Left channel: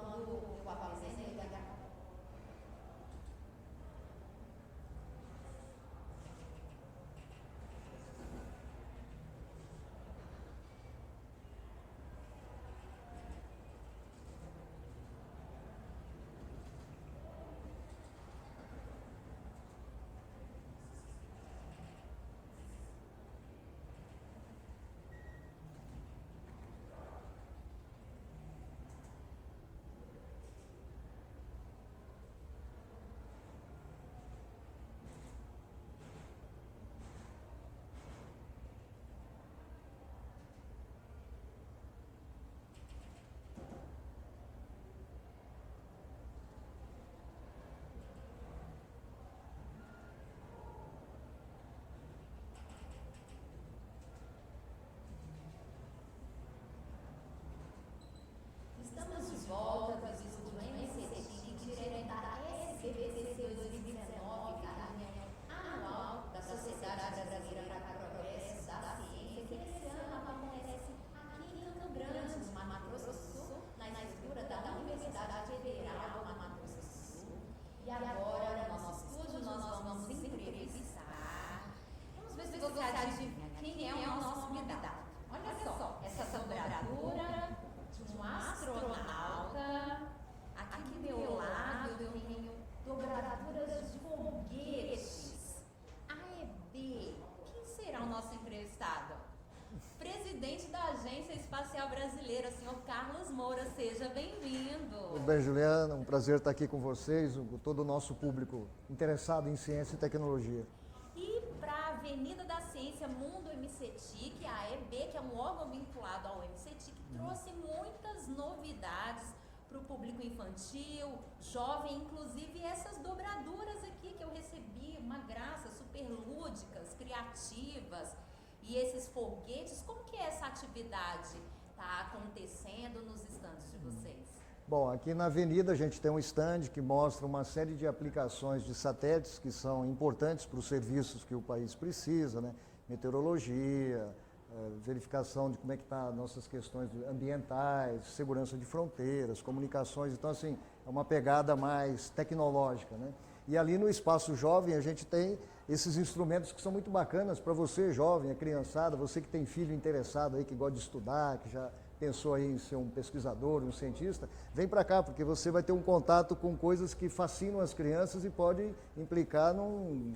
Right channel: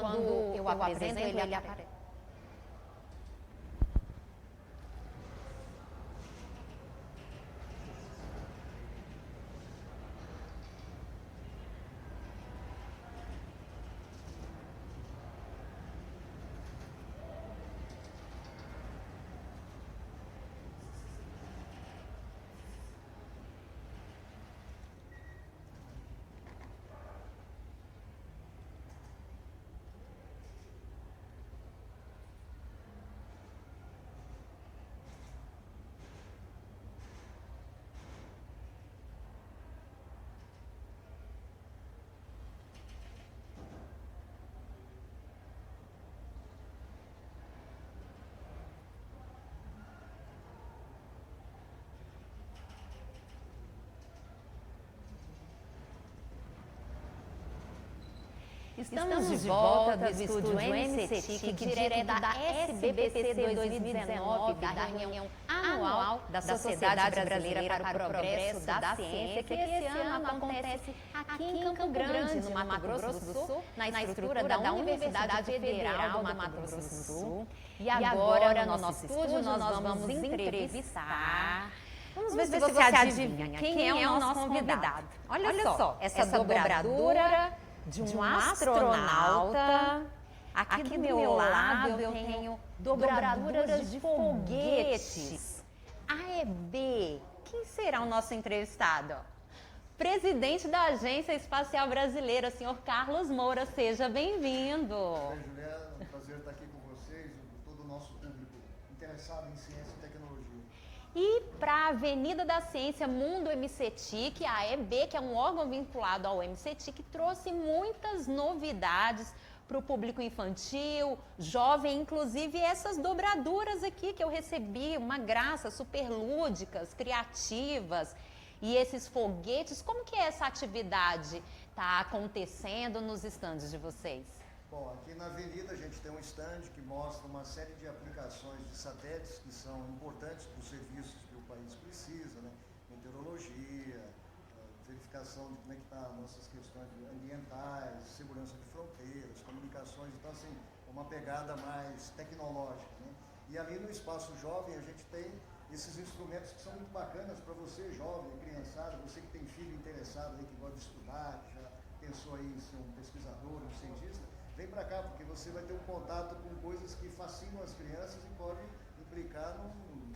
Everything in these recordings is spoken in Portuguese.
quando eu apresento, ele aparece. Estamos de volta do estúdio MCTIC, direto da SBPC 2019, da reunião anual da Sociedade Brasileira para o Progresso da Ciência, que esse ano acontece aqui em Campo Grande, no Mato Grosso do Sul, na estrutura da Universidade Federal do Mato Grosso do Sul. E agora, no nosso estúdio, nós vamos entrevistar... Vamos ver se você adivinha quem é o nosso convidado. Olha só, essa dobradura de um astronauta. Aqui do meu lado eu tenho dobraduras de foguetes. AEB, quem será o nosso entrevistado? Presidente da Agência Espacial Brasileira, senhor Carlos Moura, seja bem-vindo. Tudo bem, Juliana? Um prazer estar aqui com vocês, com todo o nosso público interessado em ciência e tecnologia. E para a Avenida da Ciência Mundo MCTIC, a AEB, que é um órgão vinculado ao MCTIC, trouxe muitas novidades para o público infantil, jovem, inclusive essas dobraduras aqui que eu recebi, uma graça, super lúdicas, criativas. E esses foguetes, como que essa atividade está acontecendo nos estandes de vocês? Bom, aqui na Avenida a gente tem um stand que mostra uma série de aplicações de satélites que são importantes para os serviços que o país precisa, né? Meteorologia, verificação de como é que está nossas questões ambientais, segurança de fronteiras, comunicações. Então, assim, é uma pegada mais tecnológica, né? E ali no Espaço Jovem a gente tem esses instrumentos que são muito bacanas para você, jovem, a criançada, você que tem filho interessado aí, que gosta de estudar, que já pensou aí em ser um pesquisador, um cientista, vem para cá, porque você vai ter um contato com coisas que fascinam as crianças e pode implicar num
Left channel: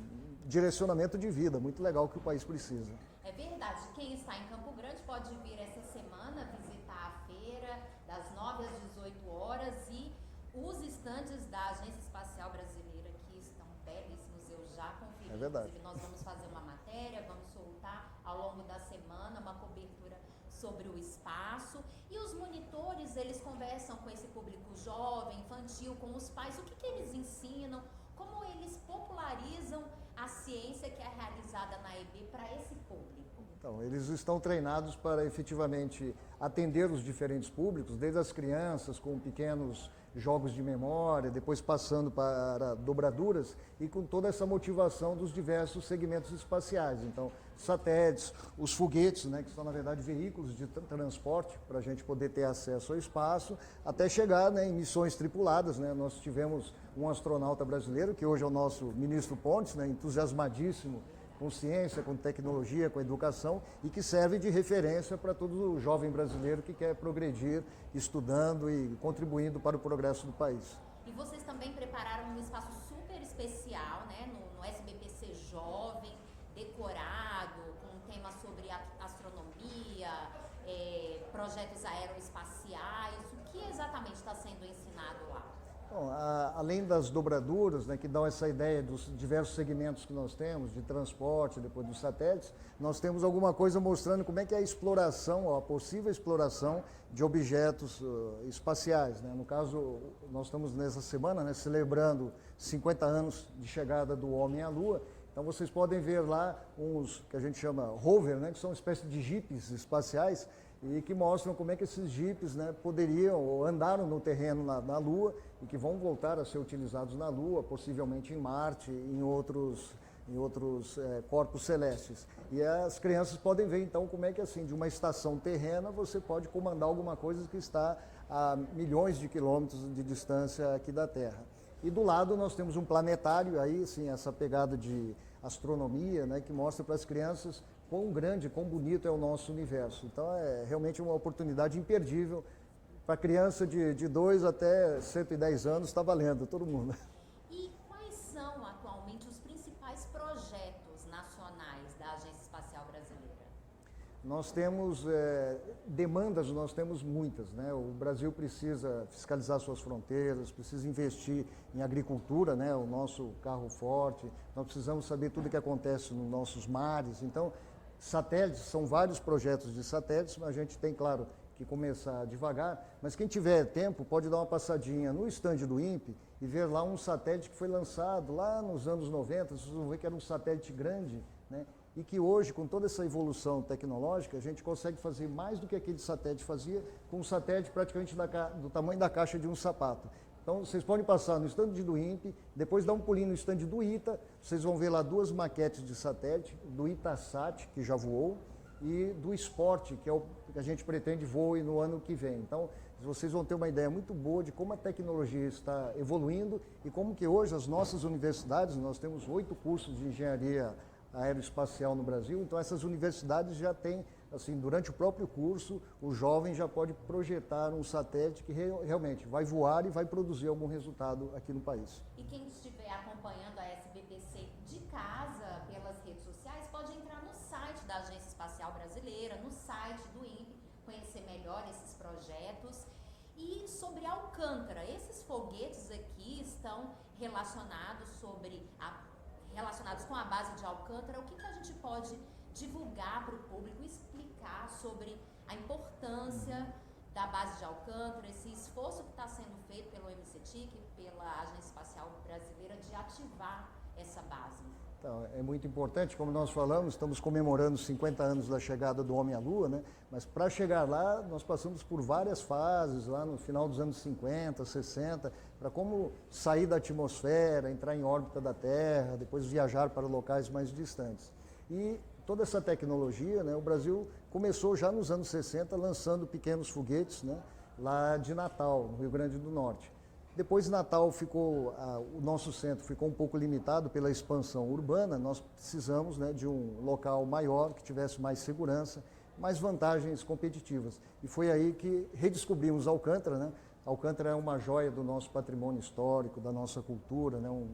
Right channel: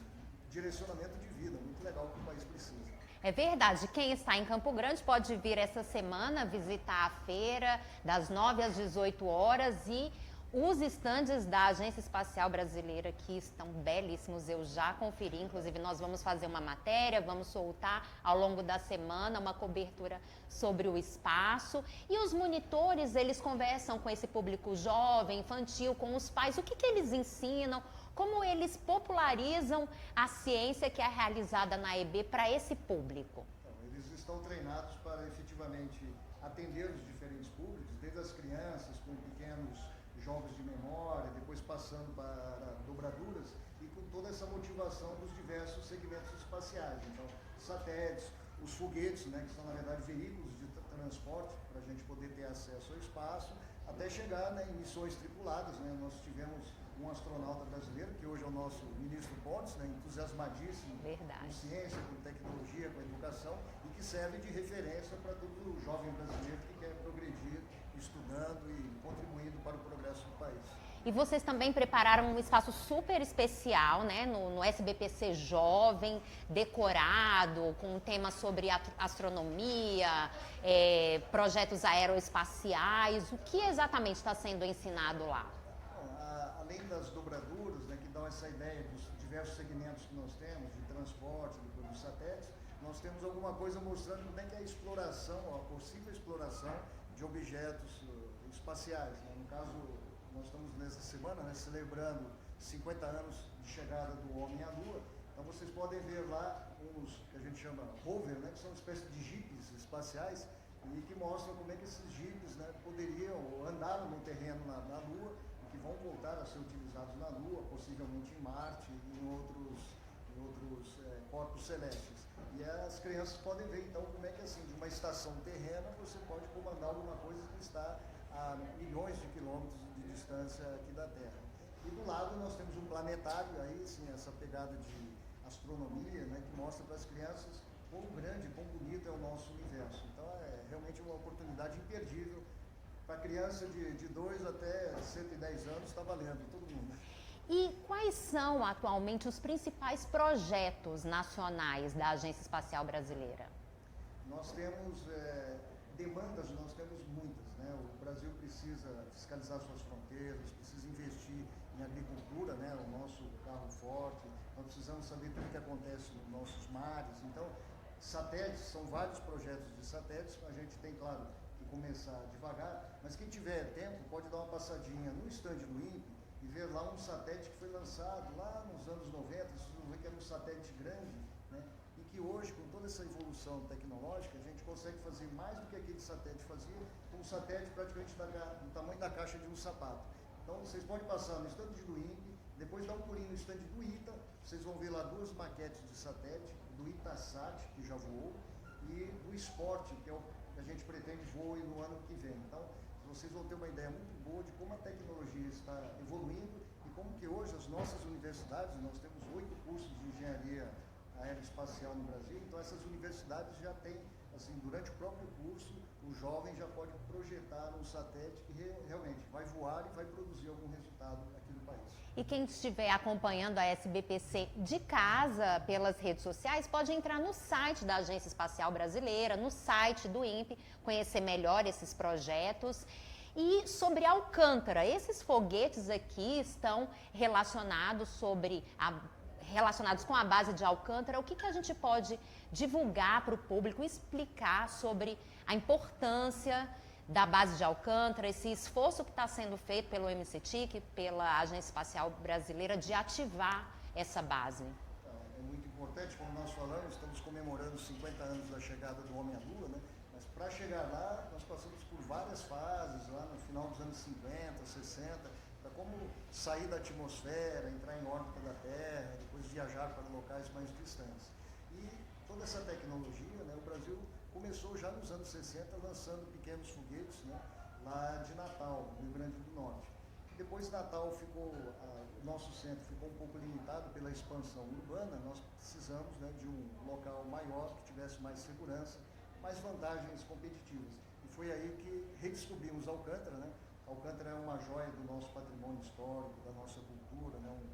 direcionamento de vida muito legal que o país precisa. É verdade, quem está em Campo Grande pode vir essa semana visitar a feira das 9 às 18 horas e os estandes da Agência Espacial Brasileira aqui estão belíssimos, eu já conferi, inclusive nós vamos fazer uma matéria, vamos soltar ao longo da semana uma cobertura sobre o espaço. E os monitores, eles conversam com esse público jovem, infantil, com os pais, o que eles ensinam, como eles popularizam a ciência que é realizada na AEB para esse público. Então, eles estão treinados para efetivamente atender os diferentes públicos, desde as crianças com pequenos jogos de memória, depois passando para dobraduras e com toda essa motivação dos diversos segmentos espaciais. Então, satélites, os foguetes, né, que são na verdade veículos de transporte para a gente poder ter acesso ao espaço, até chegar, né, em missões tripuladas, né. Nós tivemos um astronauta brasileiro, que hoje é o nosso ministro Pontes, né, entusiasmadíssimo com ciência, com tecnologia, com educação, e que serve de referência para todo o jovem brasileiro que quer progredir estudando e contribuindo para o progresso do país. E vocês também prepararam um espaço super especial, né, no SBPC Jovem, decorado, com um tema sobre astronomia, projetos aeroespaciais. O que exatamente está sendo ensinado lá? Bom, além das dobraduras, né, que dão essa ideia dos diversos segmentos que nós temos, de transporte, depois dos satélites, nós temos alguma coisa mostrando como é que é a exploração, a possível exploração de objetos espaciais, né? No caso, nós estamos nessa semana, né, celebrando 50 anos de chegada do homem à Lua. Então vocês podem ver lá uns que a gente chama rover, né, que são uma espécie de jipes espaciais e que mostram como é que esses jipes, né, poderiam ou andaram no terreno na Lua e que vão voltar a ser utilizados na Lua, possivelmente em Marte e em outros corpos celestes. E as crianças podem ver então como é que assim, de uma estação terrena você pode comandar alguma coisa que está a milhões de quilômetros de distância aqui da Terra. E do lado nós temos um planetário, aí sim, essa pegada de astronomia, né, que mostra para as crianças quão grande, quão bonito é o nosso universo. Então é realmente uma oportunidade imperdível. Para criança de 2 até 110 anos está valendo, todo mundo. E quais são atualmente os principais projetos nacionais da Agência Espacial Brasileira? Nós temos demandas, nós temos muitas, né? O Brasil precisa fiscalizar suas fronteiras, precisa investir em agricultura, né? O nosso carro forte. Nós precisamos saber tudo o que acontece nos nossos mares. Então, satélites, são vários projetos de satélites, mas a gente tem, claro, que começar devagar. Mas quem tiver tempo pode dar uma passadinha no stand do INPE e ver lá um satélite que foi lançado lá nos anos 90. Vocês vão ver que era um satélite grande, né? E que hoje, com toda essa evolução tecnológica, a gente consegue fazer mais do que aquele satélite fazia, com um satélite praticamente do tamanho da caixa de um sapato. Então, vocês podem passar no stand do INPE, depois dar um pulinho no stand do ITA, vocês vão ver lá 2 maquetes de satélite, do Itasat, que já voou, e do Sport, que é o que a gente pretende voe no ano que vem. Então, vocês vão ter uma ideia muito boa de como a tecnologia está evoluindo e como que hoje as nossas universidades, nós temos 8 cursos de engenharia aeroespacial no Brasil, então essas universidades já têm, assim, durante o próprio curso, o jovem já pode projetar um satélite que realmente vai voar e vai produzir algum resultado aqui no país. E quem estiver acompanhando a SBPC de casa, pelas redes sociais, pode entrar no site da Agência Espacial Brasileira, no site do INPE, conhecer melhor esses projetos. E sobre Alcântara, esses foguetes aqui estão relacionados com a base de Alcântara. O que a gente pode divulgar para o público, explicar sobre a importância da base de Alcântara, esse esforço que está sendo feito pelo MCTIC, pela Agência Espacial Brasileira, de ativar essa base? Então, é muito importante, como nós falamos, estamos comemorando 50 anos da chegada do homem à Lua, né? Mas para chegar lá, nós passamos por várias fases, lá no final dos anos 50, 60, para como sair da atmosfera, entrar em órbita da Terra, depois viajar para locais mais distantes. E toda essa tecnologia, né, o Brasil começou já nos anos 60 lançando pequenos foguetes, né, lá de Natal, no Rio Grande do Norte. Depois de Natal o nosso centro ficou um pouco limitado pela expansão urbana, nós precisamos, né, de um local maior, que tivesse mais segurança, mais vantagens competitivas. E foi aí que redescobrimos Alcântara, né? Alcântara é uma joia do nosso patrimônio histórico, da nossa cultura, né? Um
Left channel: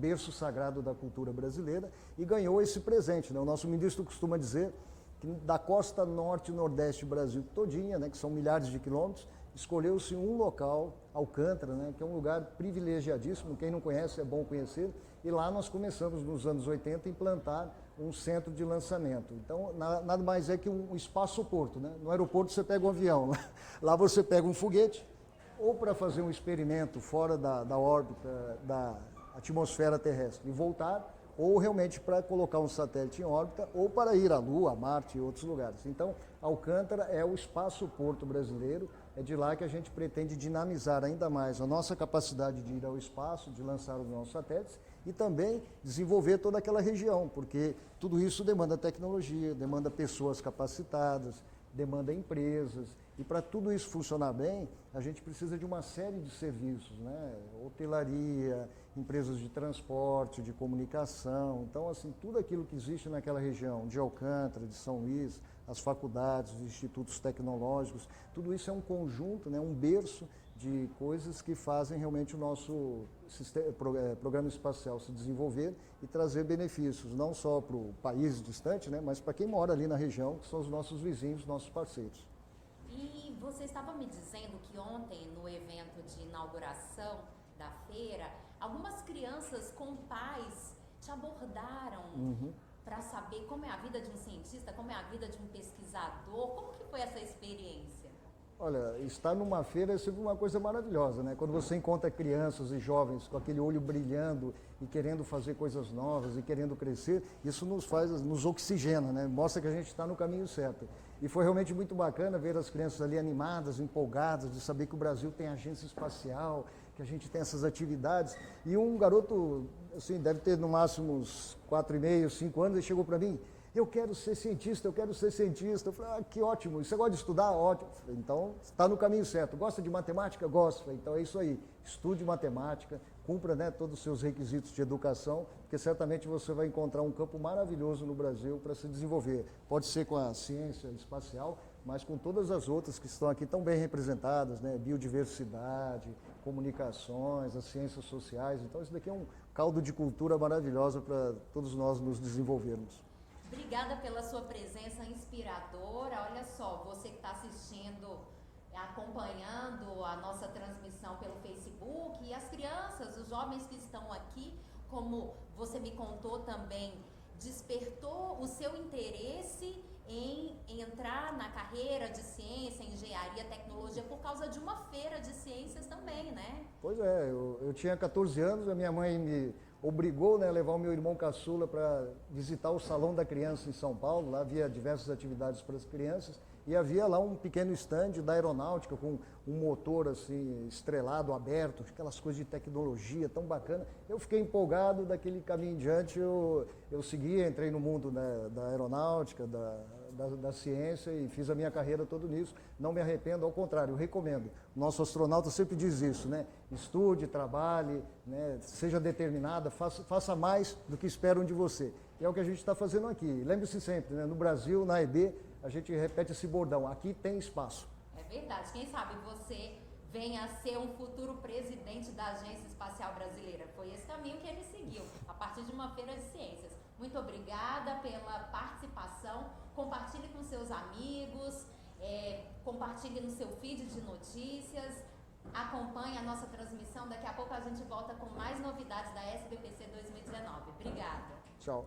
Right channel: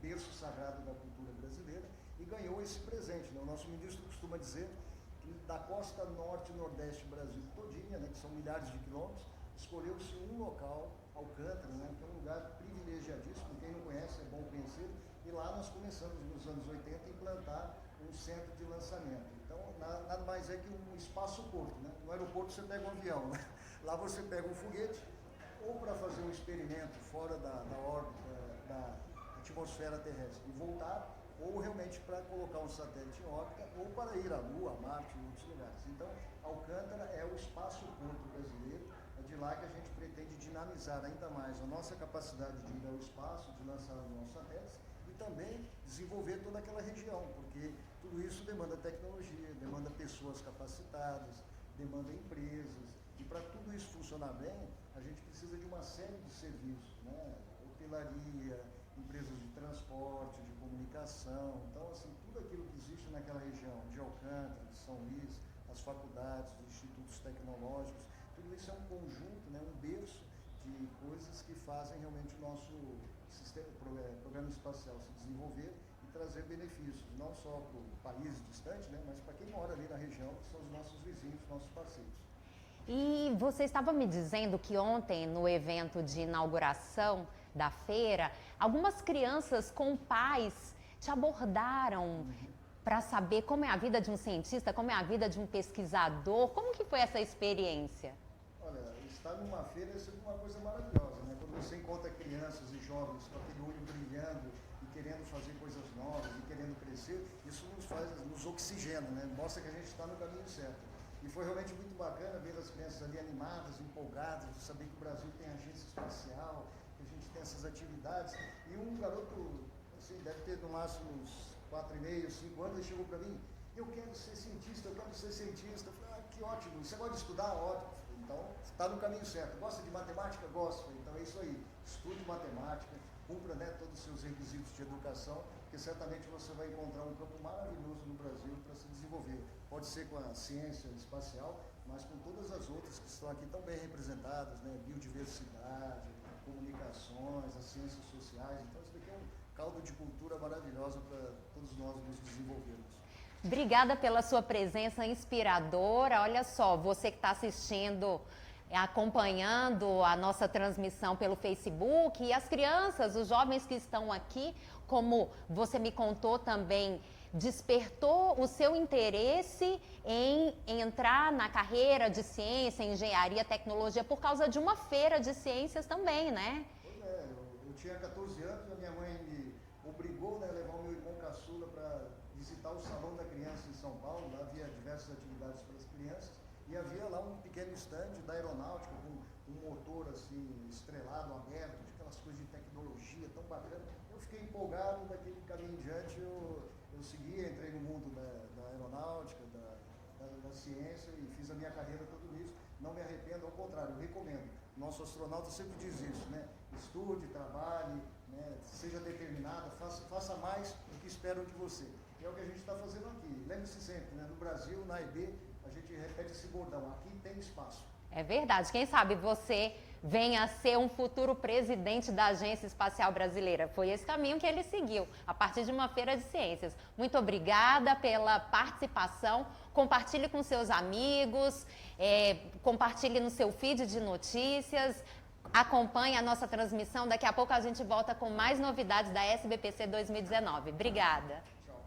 berço sagrado da cultura brasileira, e ganhou esse presente, né? O nosso ministro costuma dizer que da costa norte e nordeste do Brasil todinha, né, que são milhares de quilômetros, escolheu-se um local, Alcântara, né, que é um lugar privilegiadíssimo. Quem não conhece é bom conhecer, e lá nós começamos nos anos 80 a implantar um centro de lançamento. Então, nada mais é que um espaço-porto, né? No aeroporto você pega um avião, lá você pega um foguete, ou para fazer um experimento fora da órbita, da atmosfera terrestre e voltar, ou realmente para colocar um satélite em órbita, ou para ir à Lua, a Marte e outros lugares. Então, Alcântara é o espaço-porto brasileiro, é de lá que a gente pretende dinamizar ainda mais a nossa capacidade de ir ao espaço, de lançar os nossos satélites, e também desenvolver toda aquela região, porque tudo isso demanda tecnologia, demanda pessoas capacitadas, demanda empresas, e para tudo isso funcionar bem, a gente precisa de uma série de serviços, né? Hotelaria, empresas de transporte, de comunicação. Então, assim, tudo aquilo que existe naquela região, de Alcântara, de São Luís, as faculdades, os institutos tecnológicos, tudo isso é um conjunto, né? Um berço de coisas que fazem realmente o nosso programa espacial se desenvolver e trazer benefícios, não só para o país distante, né, mas para quem mora ali na região, que são os nossos vizinhos, nossos parceiros. E você estava me dizendo que ontem, no evento de inauguração da feira, algumas crianças com pais te abordaram para saber como é a vida de um cientista, como é a vida de um pesquisador. Como que foi essa experiência? Olha, estar numa feira é sempre uma coisa maravilhosa, né? Quando você encontra crianças e jovens com aquele olho brilhando e querendo fazer coisas novas e querendo crescer, isso nos oxigena, né? Mostra que a gente está no caminho certo. E foi realmente muito bacana ver as crianças ali animadas, empolgadas, de saber que o Brasil tem agência espacial, que a gente tem essas atividades. E um garoto, assim, deve ter no máximo uns 4,5, 5 anos, ele chegou para mim: eu quero ser cientista, eu quero ser cientista. Eu falei, ah, que ótimo, você gosta de estudar? Ótimo. Eu falei, então, está no caminho certo. Gosta de matemática? Gosto. Então é isso aí, estude matemática, cumpra, né, todos os seus requisitos de educação, porque certamente você vai encontrar um campo maravilhoso no Brasil para se desenvolver. Pode ser com a ciência espacial, mas com todas as outras que estão aqui tão bem representadas, né, biodiversidade, comunicações, as ciências sociais. Então isso daqui é um caldo de cultura maravilhosa para todos nós nos desenvolvermos. Obrigada pela sua presença inspiradora. Olha só, você que está assistindo, acompanhando a nossa transmissão pelo Facebook, e as crianças, os jovens que estão aqui, como você me contou também, despertou o seu interesse em entrar na carreira de ciência, engenharia, tecnologia, por causa de uma feira de ciências também, né? Pois é, eu tinha 14 anos, a minha mãe me obrigou, né, a levar o meu irmão caçula para visitar o Salão da Criança em São Paulo. Lá havia diversas atividades para as crianças e havia lá um pequeno estande da aeronáutica com um motor assim estrelado, aberto, aquelas coisas de tecnologia tão bacana. Eu fiquei empolgado, daquele caminho em diante eu segui, entrei no mundo, né, da aeronáutica, da ciência, e fiz a minha carreira toda nisso. Não me arrependo, ao contrário, eu recomendo. O nosso astronauta sempre diz isso, né? Estude, trabalhe, né? Seja determinada, faça mais do que esperam de você. E é o que a gente está fazendo aqui. Lembre-se sempre, né? No Brasil, na EB, a gente repete esse bordão: aqui tem espaço. É verdade. Quem sabe você venha a ser um futuro presidente da Agência Espacial Brasileira. Foi esse caminho que ele seguiu, a partir de uma feira de ciências. Muito obrigada pela participação. Compartilhe com seus amigos, compartilhe no seu feed de notícias, acompanhe a nossa transmissão. Daqui a pouco a gente volta com mais novidades da SBPC 2019. Obrigada. Tchau.